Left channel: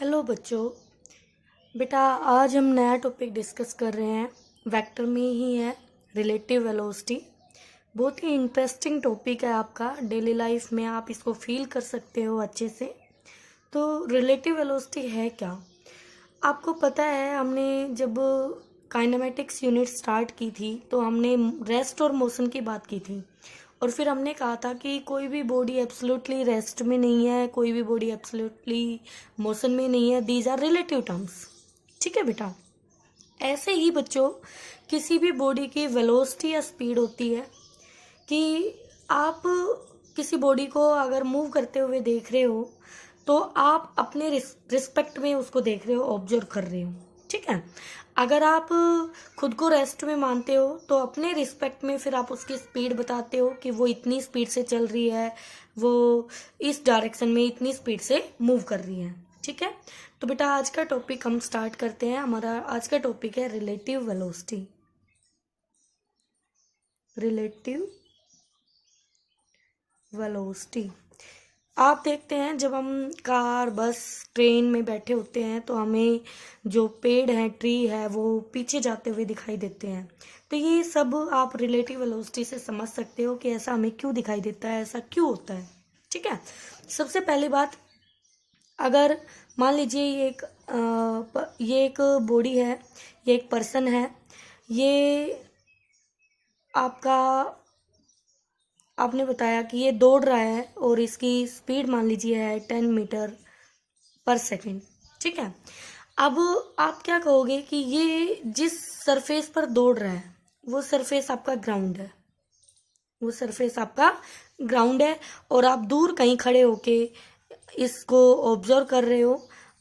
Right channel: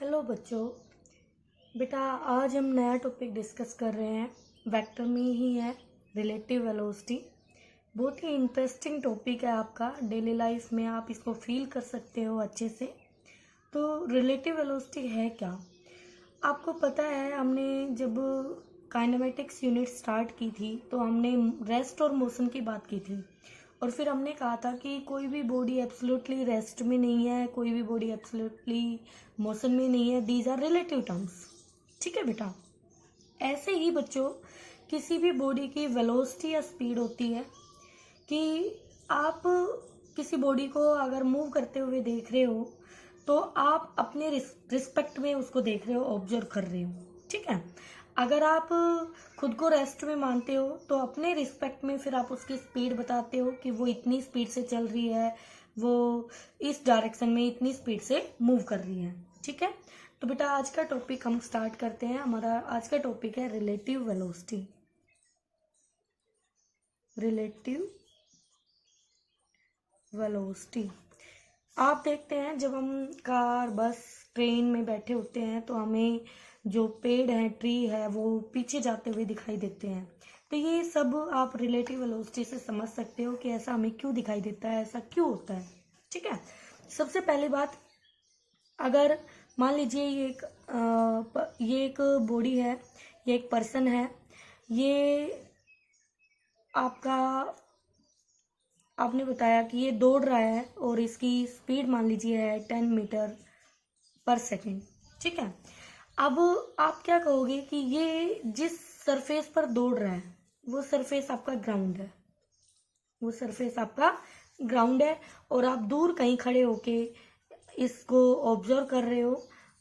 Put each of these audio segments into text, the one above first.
Hello बच्चों। बेटा आज हम नया टॉपिक डिस्कस कर रहे हैं। वेक्टर में ही है रिलेटिव वेलोसिटी। बहुत ही इंटरेस्टिंग टॉपिक है आपका। डेली लाइफ में आप इसको फील कर सकते हो अच्छे से। तो रिलेटिव वेलोसिटी है क्या? आपको पता है, हमने जब काइनेमेटिक्स यूनिट स्टार्ट की थी तो हमने रेस्ट और मोशन की बात की थी। और फिर हमने कहा था कि कोई भी बॉडी एब्सोल्युटली रेस्ट में नहीं है, कोई भी बॉडी एब्सोल्युटली मोशन में नहीं है। These are relative terms. ठीक है बेटा। ऐसे ही बच्चों, किसी भी बॉडी की वेलोसिटी या स्पीड होती है कि आप किसी बॉडी को अगर मूव करते हुए देख रहे हो तो आप अपने रिस्पेक्ट में उसको देख रहे हो, ऑब्जर्व कर रहे हो। ठीक है। अगर आप खुद को रेस्ट में मानते हो तो अपने रिस्पेक्ट में फिर आप उसकी स्पीड बताते हो कि वो इतनी स्पीड से चल रही है, वो इस डायरेक्शन में इतनी स्पीड से मूव कर रही है। ठीक है। तो बेटा आज का टॉपिक हम स्टार्ट करते हैं। हमारा आज का टॉपिक है रिलेटिव वेलोसिटी। Relative velocity. आप देखते हैं जब हम कार, बस, ट्रेन में बैठे होते हैं तो हमें जो पेड़ है, ट्री है, वो पीछे जाते हुए दिखाई देते हैं। तो ये सब आप रिलेटिव वेलोसिटी से समझ सकते हो कि ऐसा हमें क्यों दिखाई देता है, ऐसा क्यों होता है। ठीक है। सबसे पहली बात, अगर मान लीजिए ये एक बॉडी है, ये एक पर्सन है, ये आपका आपने बताया कि ये दौड़ रहा है और इसकी स्पीड मान लीजिए है 10 मीटर पर सेकेंड। ठीक है। अब आप क्या कहोगे कि ये जिस सरफेस पर दौड़ रहा है वो सरफेस आपका ग्राउंड है, वो सरफेस आपका ग्राउंड है। और आप दूर कहीं खड़े होके इसको ऑब्जर्व कर रहे हो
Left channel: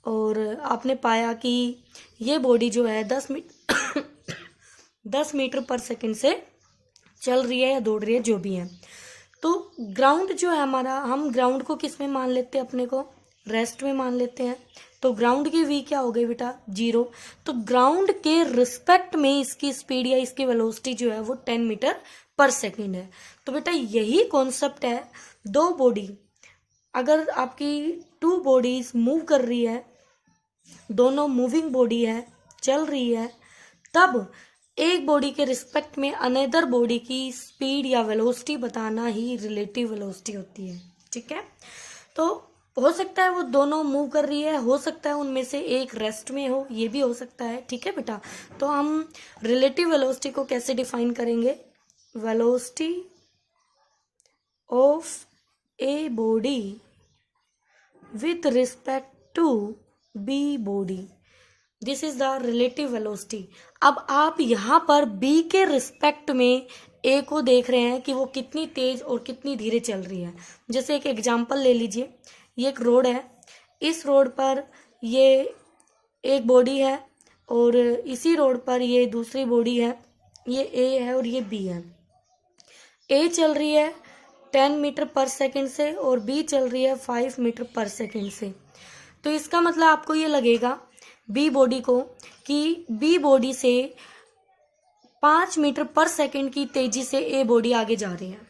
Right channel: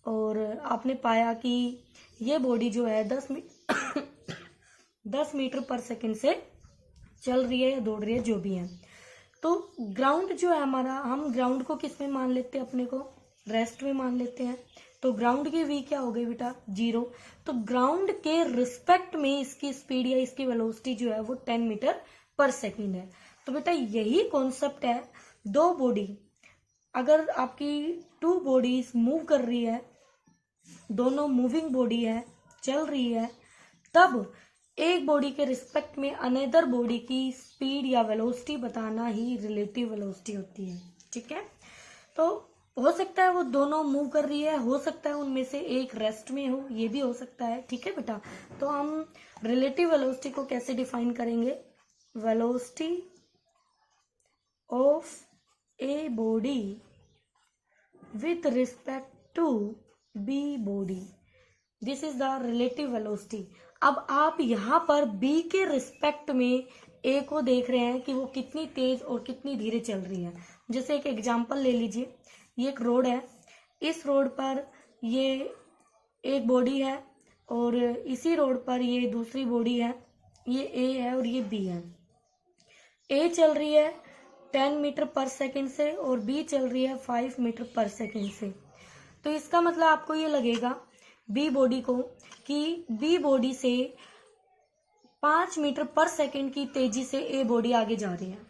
और आपने पाया कि ये बॉडी जो है 10 मीटर पर सेकेंड से चल रही है या दौड़ रही है, जो भी है। तो ग्राउंड जो है हमारा, हम ग्राउंड को किस में मान लेते हैं? अपने को रेस्ट में मान लेते हैं। तो ग्राउंड की वी क्या हो गई बेटा? 0। तो ग्राउंड के रिस्पेक्ट में इसकी स्पीड या इसकी वेलोसिटी जो है वो 10 मीटर पर सेकेंड है। तो बेटा यही कॉन्सेप्ट है। दो बॉडी, अगर आपकी टू बॉडीज मूव कर रही है, दोनों मूविंग बॉडी है, चल रही है, तब एक बॉडी के रिस्पेक्ट में अनदर बॉडी की स्पीड या वेलोसिटी बताना ही रिलेटिव वेलोसिटी होती है। ठीक है। तो हो सकता है वो दोनों मूव कर रही है, हो सकता है उनमें से एक रेस्ट में हो, ये भी हो सकता है। ठीक है बेटा। तो हम रिलेटिव वेलोसिटी को कैसे डिफाइन करेंगे? Velocity of A body with respect to B body, this is the relative velocity. अब आप यहाँ पर B के रिस्पेक्ट में A को देख रहे हैं कि वो कितनी तेज और कितनी धीरे चल रही है। जैसे एक एग्जांपल ले लीजिए, ये एक रोड है, इस रोड पर ये एक बॉडी है और इसी रोड पर ये दूसरी बॉडी है, ये A है और ये B है। A चल रही है 10 मीटर पर सेकेंड से और B चल रही है 5 मीटर पर सेकेंड से। तो इसका मतलब आपको ये लगेगा B बॉडी को कि B बॉडी से 5 मीटर पर सेकेंड की तेजी से A बॉडी आगे जा रही है,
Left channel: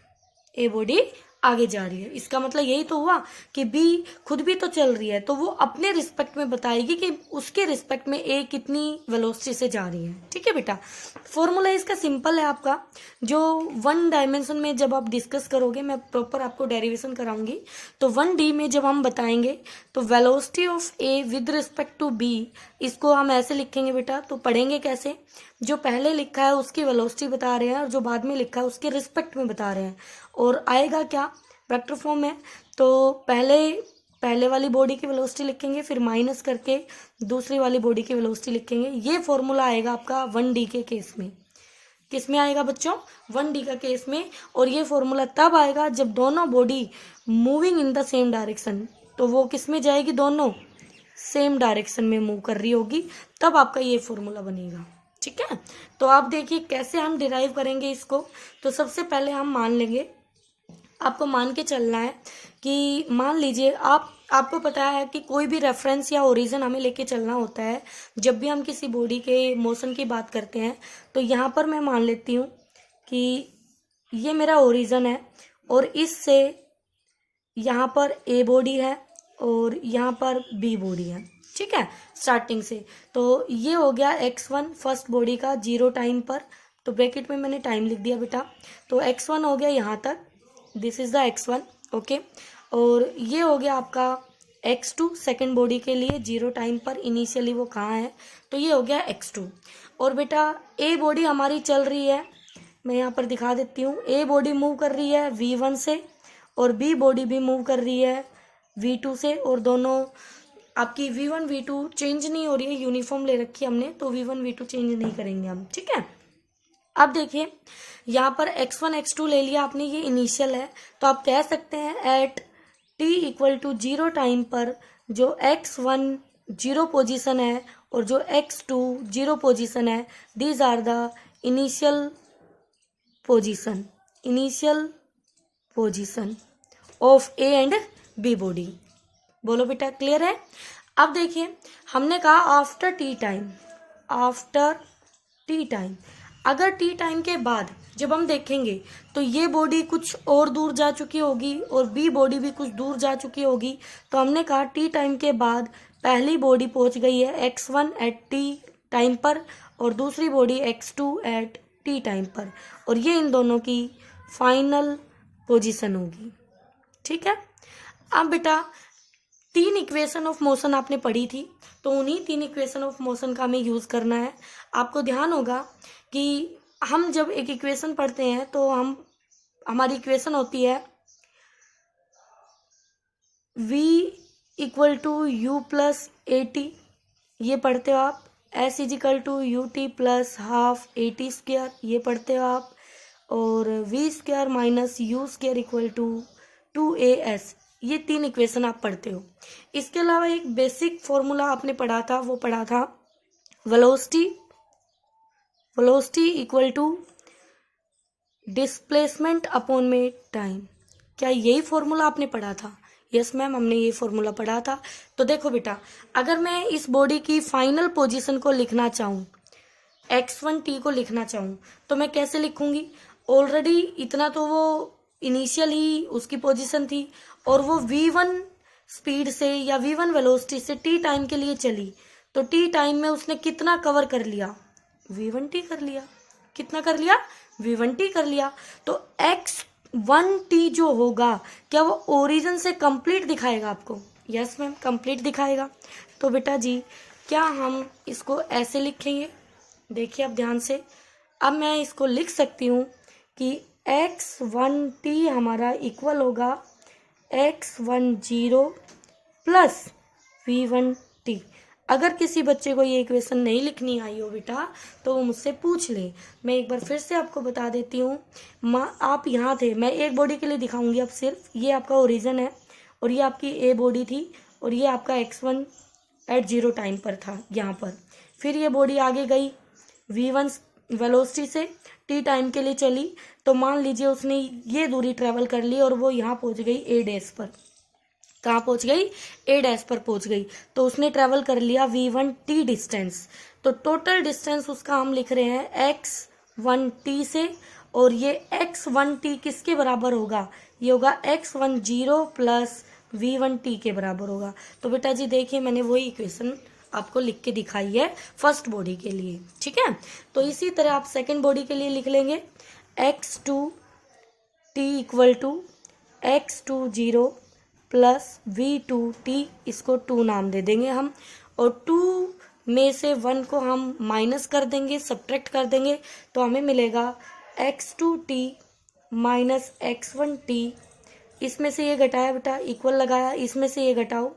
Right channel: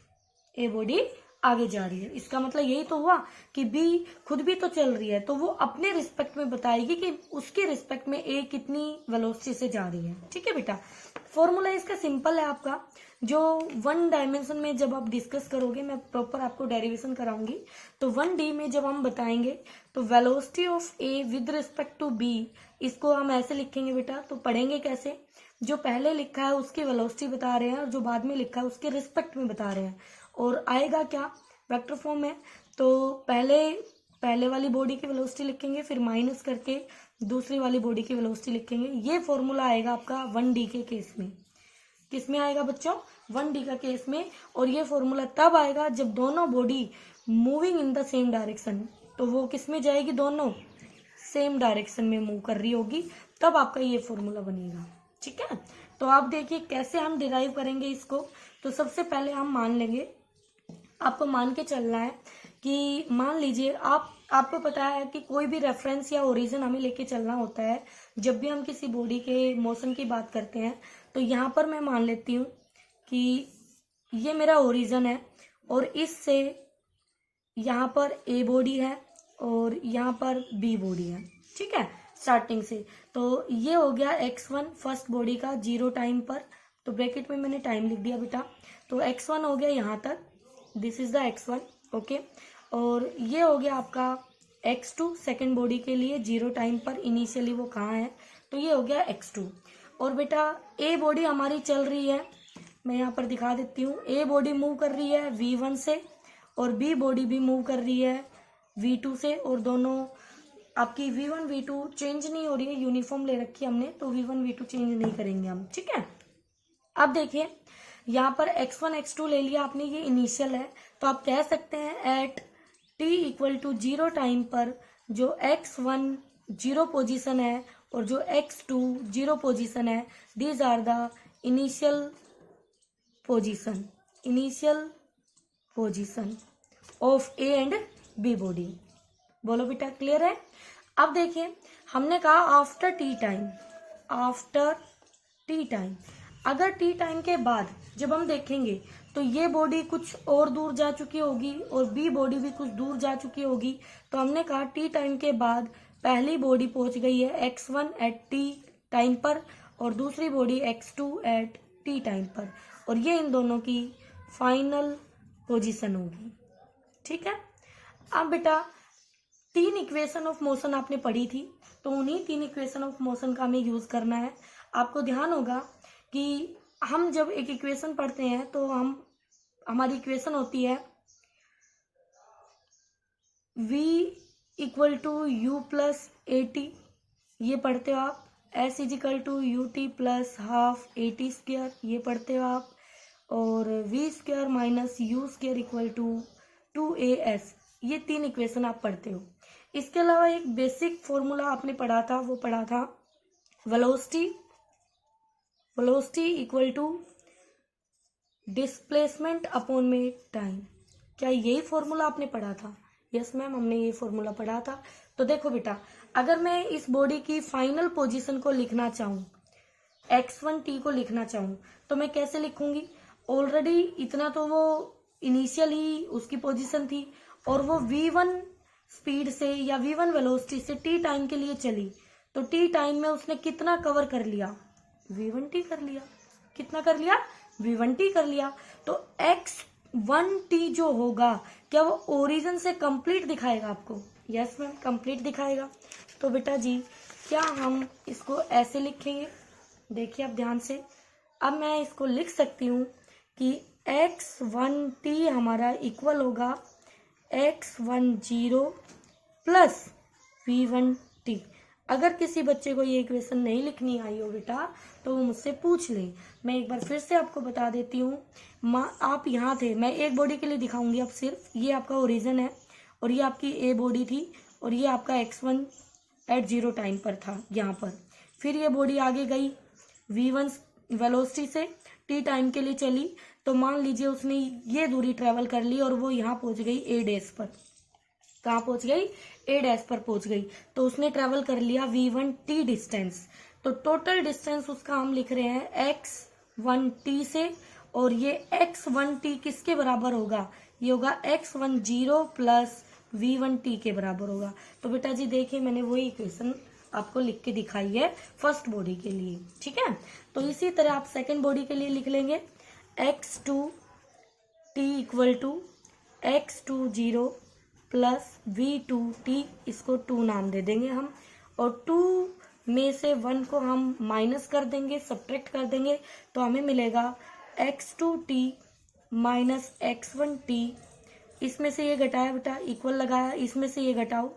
A बॉडी आगे जा रही है। इसका मतलब यही तो हुआ कि B खुद भी तो चल रही है, तो वो अपने रिस्पेक्ट में बताएगी कि उसके रिस्पेक्ट में A कितनी वेलोसिटी से जा रही है। ठीक है बेटा। फॉर्मूला इसका सिंपल है आपका, जो 1 डायमेंशन में जब आप डिस्कस करोगे, मैं प्रॉपर आपको डेरिवेशन कराऊंगी। तो 1D में जब हम बताएंगे तो velocity of A with respect to B, इसको हम ऐसे लिखेंगे बेटा। तो पढ़ेंगे कैसे? जो पहले लिखा है उसकी वेलोसिटी बता रहे हैं और जो बाद में लिखा है उसके रिस्पेक्ट में बता रहे हैं। और आएगा क्या? वेक्टर फॉर्म है। तो पहले वाली बॉडी की वेलोसिटी लिखेंगे, फिर माइनस करके दूसरी वाली बॉडी की वेलोसिटी लिखेंगे। ये फॉर्मूला आएगा आपका 1D के केस में। किस में आएगा बच्चों? 1D का केस में। और ये फॉर्मूला तब आएगा जब दोनों body moving in the same direction. तो वो किस में जाएगी? दोनों सेम डायरेक्शन में मूव कर रही होगी, तब आपका ये फॉर्मूला बनेगा। ठीक है। तो आप देखिए कैसे हम डिराइव करेंगे इसको। तो सबसे पहले हम मान लेंगे, आपको मान के चलना है कि मान लीजिए आपको पता है कि कोई भी रेफरेंस या ओरिजिन हमें लेके चलना होता है जब भी हम किसी बॉडी के मोशन की बात करते हैं। तो यहाँ पर मैं मान लेती हूँ कि ये मेरा ओरिजिन है और इससे यहाँ पर A बॉडी है और यहाँ पर B बॉडी है। ठीक है, स्टार्टिंग से। तो ये हो गया x1 फर्स्ट बॉडी का 0 टाइम पर, तो ब्रैकेट में मैंने टाइम लिख दिया बेटा। तो x1 हो गया यहाँ तक, this is the x1, okay. और ये हो गया आपका x2 सेकेंड बॉडी के लिए 0 टाइम पर, इनिशियली वो कहाँ है, तो ये हो गया x2। और बेटा ए बॉडी हमारी चल रही है, मैं यहाँ पर दिखा देती हूँ। ए बॉडी मूव कर रही है v1 से, और बी बॉडी भी मूव कर रही है v2 से, और दोनों आपकी v1 v2 चेंज नहीं हो रही है, यूनिफॉर्म ले रखी है हमने, तो v1 v2 चेंज नहीं करेंगे हम, ठीक है। अब देखिए यहाँ पर x1 x2 ले लिया आपने, ये इनिशियल है, तो आप कह सकते हैं at t equal to 0 time पर जो x1 0 पोजीशन है और जो x2 0 पोजीशन है, these are the initial position of A and B body. बोलो बेटा, क्लियर है। अब देखिए हमने कहा आफ्टर टी टाइम, अगर टी टाइम के बाद जब हम देखेंगे तो ये बॉडी कुछ और दूर जा चुकी होगी और बी बॉडी भी कुछ दूर जा चुकी होगी, तो हमने कहा टी टाइम के बाद पहली बॉडी पहुंच गई है x1 एट टी टाइम पर और दूसरी body x2 at T time पर, और ये इन दोनों की फाइनल पोजीशन होगी, ठीक है। अब बेटा 3 इक्वेशन ऑफ मोशन आपने पढ़ी थी, तो उन्हीं 3 इक्वेशन ऑफ मोशन का हमें यूज करना है। आपको ध्यान होगा कि हम जब एक इक्वेशन पढ़ते हैं तो हमारी इक्वेशन होती है v equal to u plus a t, ये पढ़ते हो आप। s equal to u t plus half a t square, ये पढ़ते हो आप। और v square minus u square equal to 2as, ये 3 इक्वेशन आप पढ़ते हो। इसके अलावा एक बेसिक फॉर्मूला आपने पढ़ा था, वो पढ़ा था velocity equal to displacement upon में टाइम। क्या यही फॉर्मूला आपने पढ़ा था? यस मैम, हमने ये फॉर्मूला पढ़ा था। तो देखो बेटा, अगर मैं इस बॉडी की फाइनल पोजीशन को लिखना चाहूँ, x1t को लिखना चाहूँ, तो मैं कैसे लिखूंगी? ऑलरेडी इतना तो वो इनिशियल ही उसकी पोजीशन थी और वो v1 स्पीड से या v1 वेलोसिटी से t टाइम के लिए चली, तो t टाइम में उसने कितना कवर कर लिया? v1t कर लिया। कितना कर लिया? v1t कर लिया। तो x1t जो होगा, क्या वो ओरिजिन से कंप्लीट दिखाएगा आपको? यस मैम, कंप्लीट दिखाएगा। तो बेटा जी, क्या हम इसको ऐसे लिखेंगे? देखिए अब ध्यान से, अब मैं इसको लिख सकती हूँ कि x1t हमारा इक्वल होगा x10 प्लस v1t। अगर किसी बच्चे को ये इक्वेशन नहीं लिखनी आई हो बेटा, तो वो मुझसे पूछ ले। मैं एक बार फिर से आपको बता देती हूँ। आप यहाँ थे, मैं एक बॉडी के लिए दिखाऊंगी अब सिर्फ। ये आपका ओरिजिन है और ये आपकी ए बॉडी थी और ये आपका x1 एट 0 टाइम पर था यहाँ पर। फिर ये बॉडी आगे गई v1 वेलोसिटी से t टाइम के लिए चली, तो मान लीजिए उसने ये दूरी ट्रेवल कर ली और वो यहाँ पहुँच गई a डैश पर। कहाँ पहुँच गई? a डैश पर पहुँच गई। तो उसने ट्रेवल कर लिया v1t डिस्टेंस। तो टोटल डिस्टेंस उसका हम लिख रहे हैं x1t से, और ये x1t किसके बराबर होगा? ये होगा x10 प्लस v1t के बराबर होगा। तो बेटा जी देखिए, मैंने वही इक्वेशन आपको लिख के दिखाई है फर्स्ट बॉडी के लिए, ठीक है। तो इसी तरह आप सेकंड बॉडी के लिए लिख लेंगे x2t equal to x20 plus v2t, इसको 2 नाम दे देंगे हम, और 2 में से 1 को हम माइनस कर देंगे, सब्ट्रैक्ट कर देंगे, तो हमें मिलेगा x2t माइनस x1t। इसमें से ये घटाया बेटा, इक्वल लगाया, इसमें से ये घटाओ,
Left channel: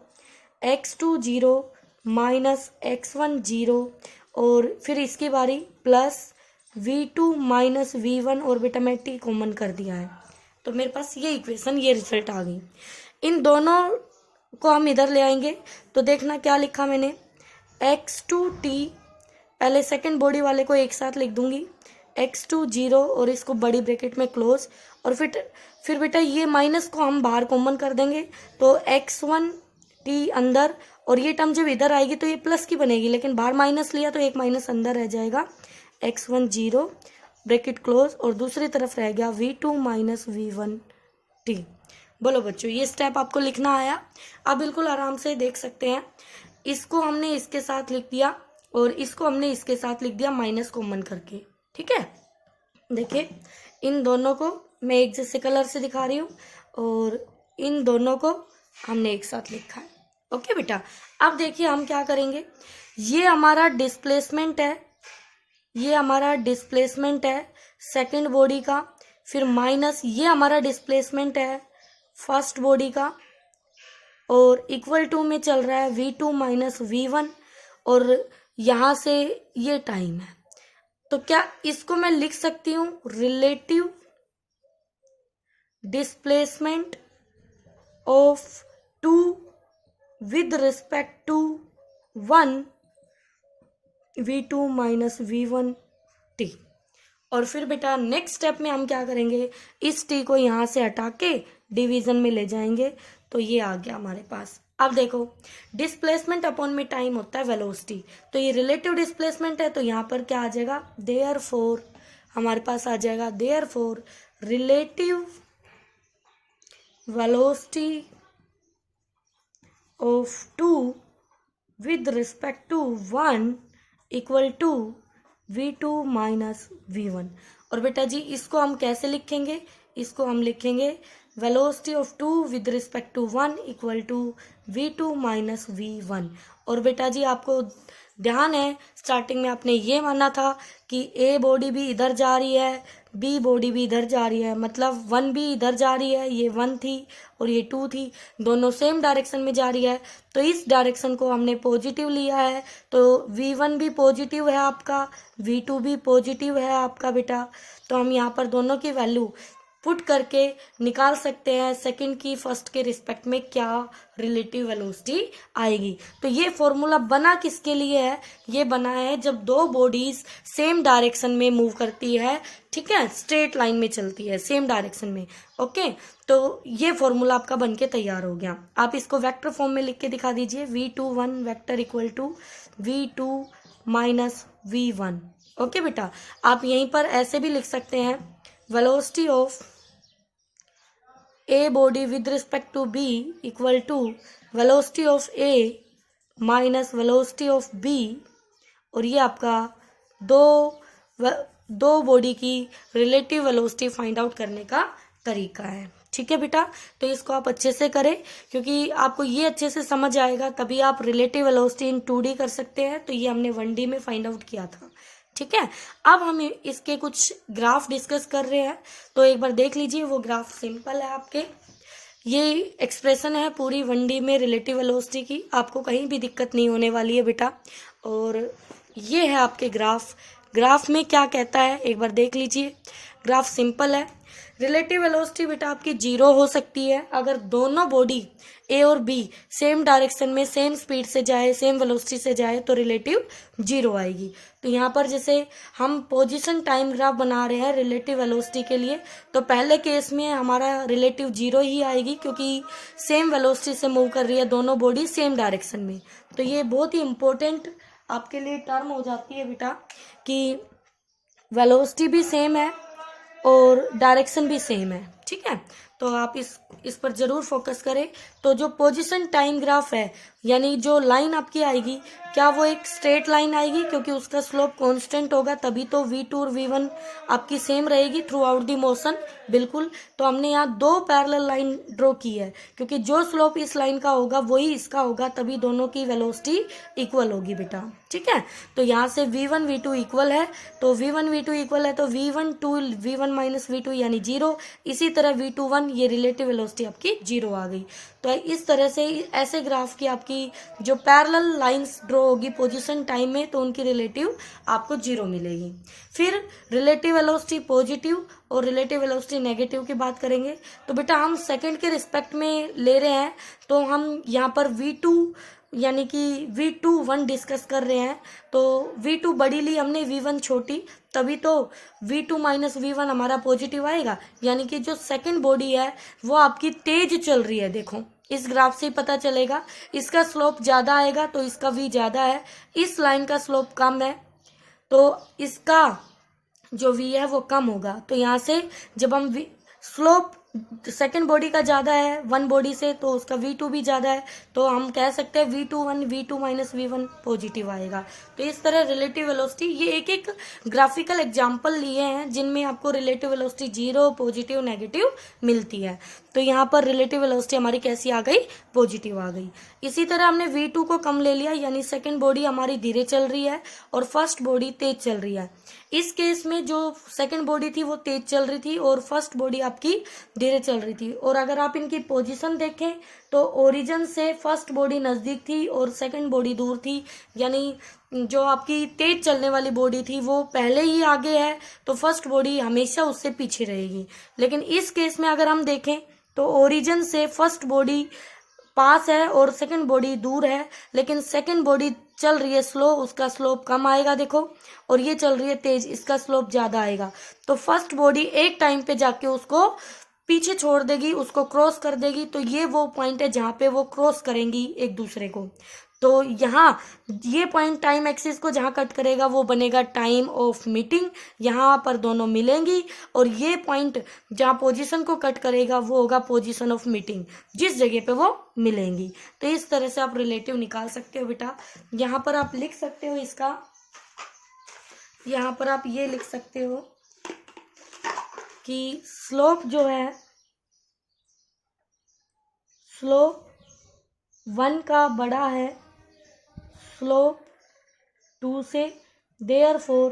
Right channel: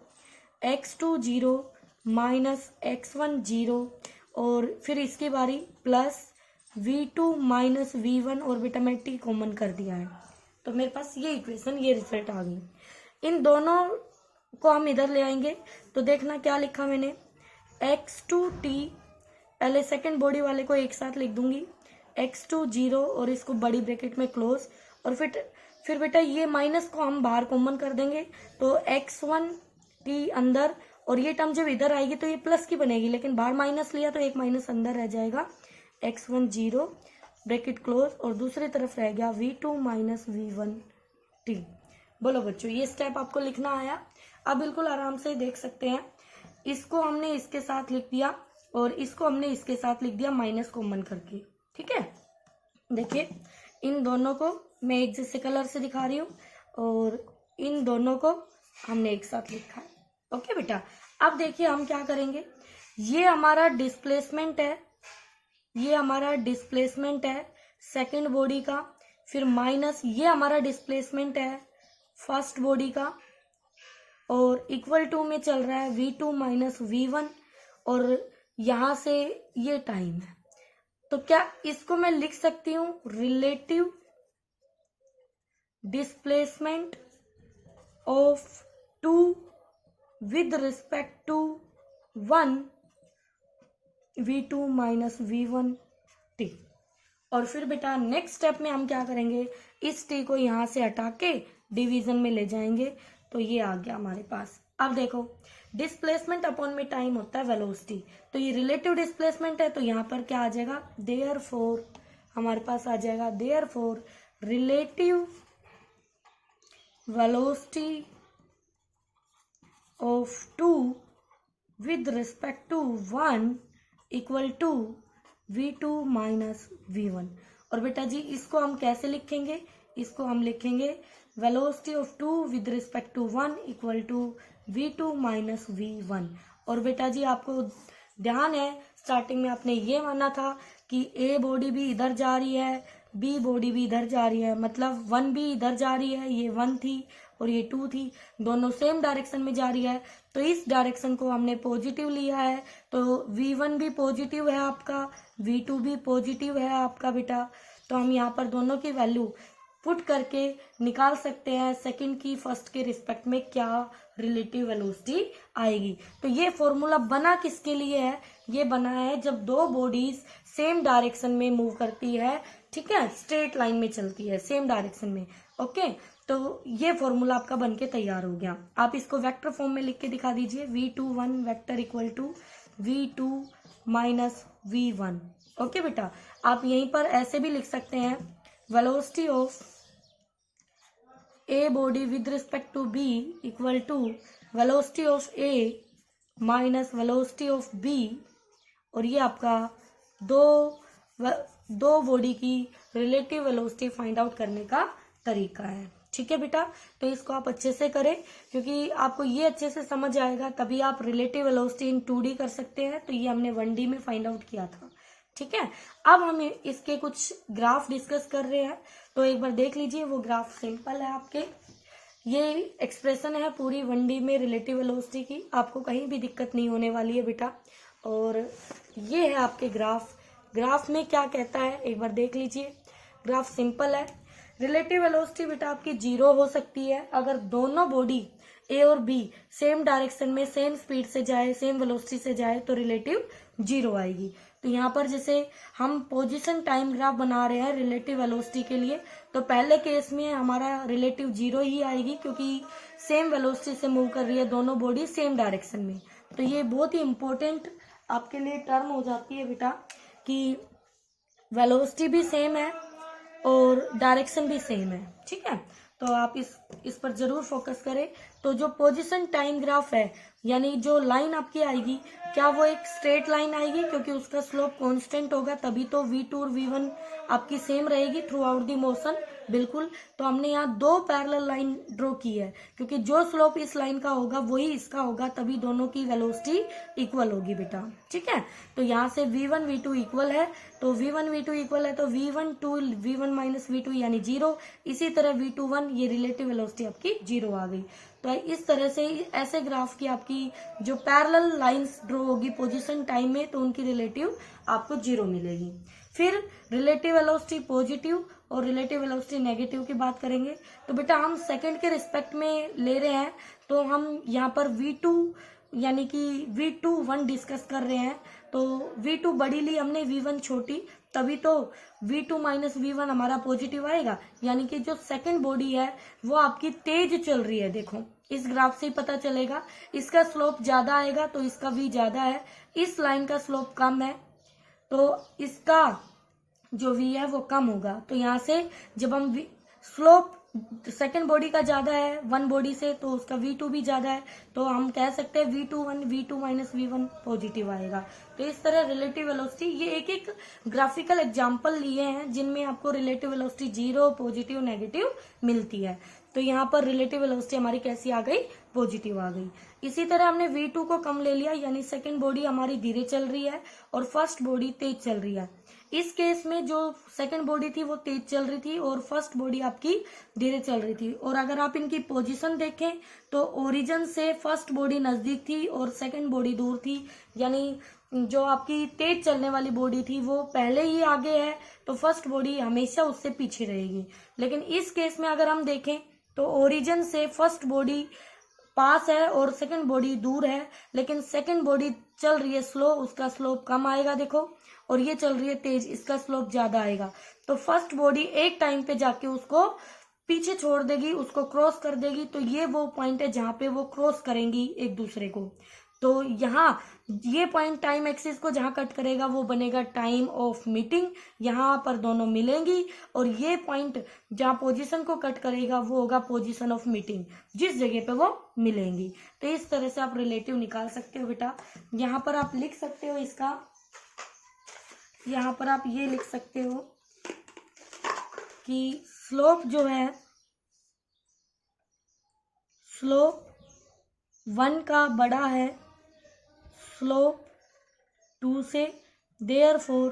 x20 माइनस x10, और फिर इसकी बारी प्लस v2 माइनस v1, और बेटा मैं t कॉमन कर दिया है, तो मेरे पास ये इक्वेशन, ये रिजल्ट आ गई। इन दोनों को हम इधर ले आएंगे, तो देखना क्या लिखा मैंने, x2t, पहले सेकंड बॉडी वाले को एक साथ लिख दूंगी, x20 और इसको बड़ी ब्रैकेट में क्लोज, और फिर बेटा ये माइनस को हम बाहर कॉमन कर देंगे, तो x1t अंदर, और ये टर्म जब इधर आएगी तो ये प्लस की बनेगी, लेकिन बाहर माइनस लिया तो एक माइनस अंदर रह जाएगा, x10 ब्रैकेट क्लोज, और दूसरी तरफ रह गया v2 माइनस v1t। बोलो बच्चों, ये स्टेप आपको लिखना आया? आप बिल्कुल आराम से देख सकते हैं। इसको हमने इसके साथ लिख दिया और इसको हमने इसके साथ लिख दिया माइनस कॉमन करके। ठीक है, देखिए इन दोनों को मैं एक जैसे कलर से दिखा रही हूँ और इन दोनों को हमने एक साथ लिखा है। ओके बेटा, अब देखिए हम क्या करेंगे, ये हमारा डिस्प्लेसमेंट है, ये हमारा डिस्प्लेसमेंट है सेकंड बॉडी का, फिर माइनस ये हमारा डिस्प्लेसमेंट है फर्स्ट बॉडी का, और इक्वल टू में चल रहा है v2 माइनस v1, और यहाँ से ये टाइम है। तो क्या इसको मैं लिख सकती हूँ relative displacement of 2 with respect to 1 v2 minus v1 t। और फिर बेटा नेक्स्ट स्टेप में हम क्या करेंगे, इस t को यहाँ से हटा के डिवीजन में ले जाएंगे, तो ये आ गया हमारे पास। अब देखो डिस्प्लेसमेंट अपॉन में टाइम होता है वेलोसिटी, तो ये रिलेटिव डिस्प्लेसमेंट है, तो यहाँ पर क्या आ जाएगा, देयरफॉर हमारे पास आ जाएगा therefore relative velocity of 2 with respect to 1 equal to v2 minus v1। और बेटा जी इसको हम कैसे लिखेंगे, इसको हम लिखेंगे velocity of 2 with respect to 1 equal to v2 minus v1। और बेटा जी आपको ध्यान है स्टार्टिंग में आपने ये माना था कि ए बॉडी भी इधर जा रही है, बी बॉडी भी इधर जा रही है, मतलब 1 भी इधर जा रही है, ये 1 थी और ये 2 थी, दोनों सेम डायरेक्शन में जा रही है, तो इस डायरेक्शन को हमने पॉजिटिव लिया है, तो v1 भी पॉजिटिव है आपका, v2 भी पॉजिटिव है आपका बेटा। तो हम यहाँ पर दोनों की वैल्यू पुट करके निकाल सकते हैं सेकंड की फर्स्ट के रिस्पेक्ट में क्या रिलेटिव वेलोसिटी आएगी। तो ये फॉर्मूला बना किसके लिए है, ये बना है जब दो बॉडीज सेम डायरेक्शन में मूव करती है, ठीक है, स्ट्रेट लाइन में चलती है सेम डायरेक्शन में। ओके, तो ये फॉर्मूला आपका बनके तैयार हो गया। आप इसको वेक्टर फॉर्म में लिख के दिखा दीजिए, v21 vector equal to v2 minus v1। Okay बेटा, आप यहीं पर ऐसे भी लिख सकते हैं velocity of A body with respect to B equal to velocity of A minus velocity of B, और ये आपका दो बॉडी की रिलेटिव वेलोसिटी फाइंड आउट करने का तरीका है। ठीक है बेटा, तो इसको आप अच्छे से करें, क्योंकि आपको ये अच्छे से समझ आएगा तभी आप रिलेटिव वेलोसिटी इन 2D कर सकते हैं। तो ये हमने 1D में फाइंड आउट किया था। ठीक है, अब हम इसके कुछ ग्राफ डिस्कस कर रहे हैं, तो एक बार देख लीजिए। वो ग्राफ सिंपल है आपके, ये एक्सप्रेशन है पूरी 1D में रिलेटिव वेलोसिटी की, आपको कहीं भी दिक्कत नहीं होने वाली है बेटा। और ये है आपके ग्राफ, ग्राफ में क्या कहता है एक बार देख लीजिए। ग्राफ सिंपल है, रिलेटिव वेलोसिटी बेटा आपकी 0 हो सकती है अगर दोनों बॉडी ए और बी सेम डायरेक्शन में सेम स्पीड से जाए, सेम वेलोसिटी से जाए, तो रिलेटिव 0 आएगी। तो यहाँ पर जैसे हम पोजीशन टाइम ग्राफ बना रहे हैं रिलेटिव वेलोसिटी के लिए, तो पहले केस में हमारा रिलेटिव 0 ही आएगी, क्योंकि सेम वेलोसिटी से मूव कर रही है दोनों बॉडी सेम डायरेक्शन में। तो ये बहुत ही इंपॉर्टेंट आपके लिए टर्म हो जाती है बेटा कि वेलोसिटी भी सेम है और डायरेक्शन भी सेम है। ठीक है, तो आप इस पर जरूर फोकस करें। तो जो पोजीशन टाइम ग्राफ है, यानी जो लाइन आपकी आएगी, क्या वो एक स्ट्रेट लाइन आएगी, क्योंकि उसका स्लोप कांस्टेंट होगा, तभी तो v2 और v1 आपकी सेम रहेगी थ्रू आउट दी मोशन। बिल्कुल, तो हमने यहाँ दो पैरेलल लाइन ड्रॉ की है, क्योंकि जो स्लोप इस लाइन का होगा वही इसका होगा, तभी दोनों की वेलोसिटी इक्वल होगी बेटा। ठीक है, तो यहाँ से v1 v2 इक्वल है, तो v1 v2 इक्वल है, तो v1 माइनस v2 यानी 0। इसी तरह v21 ये रिलेटिव वेलोसिटी आपकी 0 आ गई। तो इस तरह से ऐसे ग्राफ की आपकी जो पैरेलल लाइंस ड्रॉ होगी पोजीशन टाइम में, तो उनकी रिलेटिव आपको 0 मिलेगी। फिर रिलेटिव वेलोसिटी पॉजिटिव और रिलेटिव वेलोसिटी नेगेटिव की बात करेंगे। तो बेटा हम सेकंड के रिस्पेक्ट में ले रहे हैं, तो हम यहाँ पर v2 यानी कि v21 डिस्कस कर रहे हैं, तो v2 बड़ी ली हमने, v1 छोटी, तभी तो v2 माइनस v1 हमारा पॉजिटिव आएगा। यानी कि जो सेकंड बॉडी है वो आपकी तेज चल रही है। देखो इस ग्राफ से ही पता चलेगा, इसका स्लोप ज्यादा आएगा तो इसका v ज्यादा है, इस लाइन का स्लोप कम है तो इसका जो v है वो कम होगा। तो यहाँ से जब हम स्लोप सेकेंड बॉडी का ज्यादा है वन बॉडी से, तो उसका V2 भी ज्यादा है, तो हम कह सकते हैं V21 V2 minus V1 positive आएगा। तो इस तरह रिलेटिव वेलोसिटी, ये एक एक ग्राफिकल एग्जांपल लिए हैं जिनमें आपको relative velocity zero, positive, negative मिलती है। तो यहाँ पर रिलेटिव वेलोसिटी हमारी कैसी आ गई, पॉजिटिव आ गई। इसी तरह हमने V2 को कम ले लिया, यानी सेकेंड बॉडी हमारी धीरे चल रही है और फर्स्ट बॉडी तेज चल रही है। इस केस में जो सेकेंड बॉडी थी वो तेज चल रही थी और फर्स्ट बॉडी आपकी धीरे चल रही थी। और अगर आप इनकी पोजीशन देखें तो ओरिजिन से फर्स्ट बॉडी नजदीक थी और सेकेंड बॉडी दूर थी, यानी जो आपकी तेज चलने वाली बॉडी थी वो पहले ही आगे है, तो फर्स्ट बॉडी हमेशा उससे पीछे रहेगी। लेकिन इस केस में अगर हम देखें तो ओरिजिन से फर्स्ट बॉडी पास है और सेकंड बॉडी दूर है, लेकिन सेकंड बॉडी चल रही है स्लो, उसका स्लोप कम आएगा देखो, और ये चल रही है तेज, इसका स्लोप ज्यादा आएगा। तो फर्स्ट बॉडी एक टाइम पे जाके उसको पीछे छोड़ देगी, उसको क्रॉस कर देगी। तो ये वो पॉइंट है जहां पे वो क्रॉस करेंगी एक दूसरे को। तो यहाँ ये पॉइंट टाइम एक्सिस को जहां कट करेगा वो बनेगा टाइम ऑफ मीटिंग, यहाँ पर दोनों मिलेंगी। और ये पॉइंट जहां पोजीशन को कट करेगा वो होगा पोजीशन ऑफ मीटिंग, जिस जगह पे वो मिलेंगी। तो इस तरह से आप रिलेटिव निकाल सकते हो बेटा। यहाँ पर आप लिख सकते हो इसका, यहाँ पर आप ये लिख सकते हो कि स्लोप जो है, स्लोप 1 का बड़ा है स्लोप 2 से, देयरफॉर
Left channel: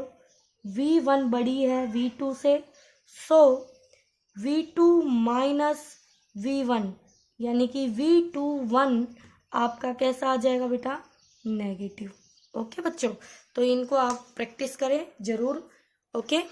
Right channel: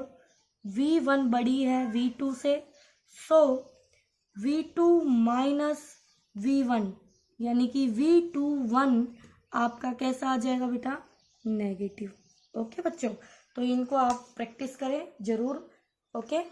V1 बड़ी है V2 से, सो V2 माइनस V1 यानी कि V21 आपका कैसा आ जाएगा बेटा, नेगेटिव। ओके बच्चों, तो इनको आप प्रैक्टिस करें जरूर। ओके।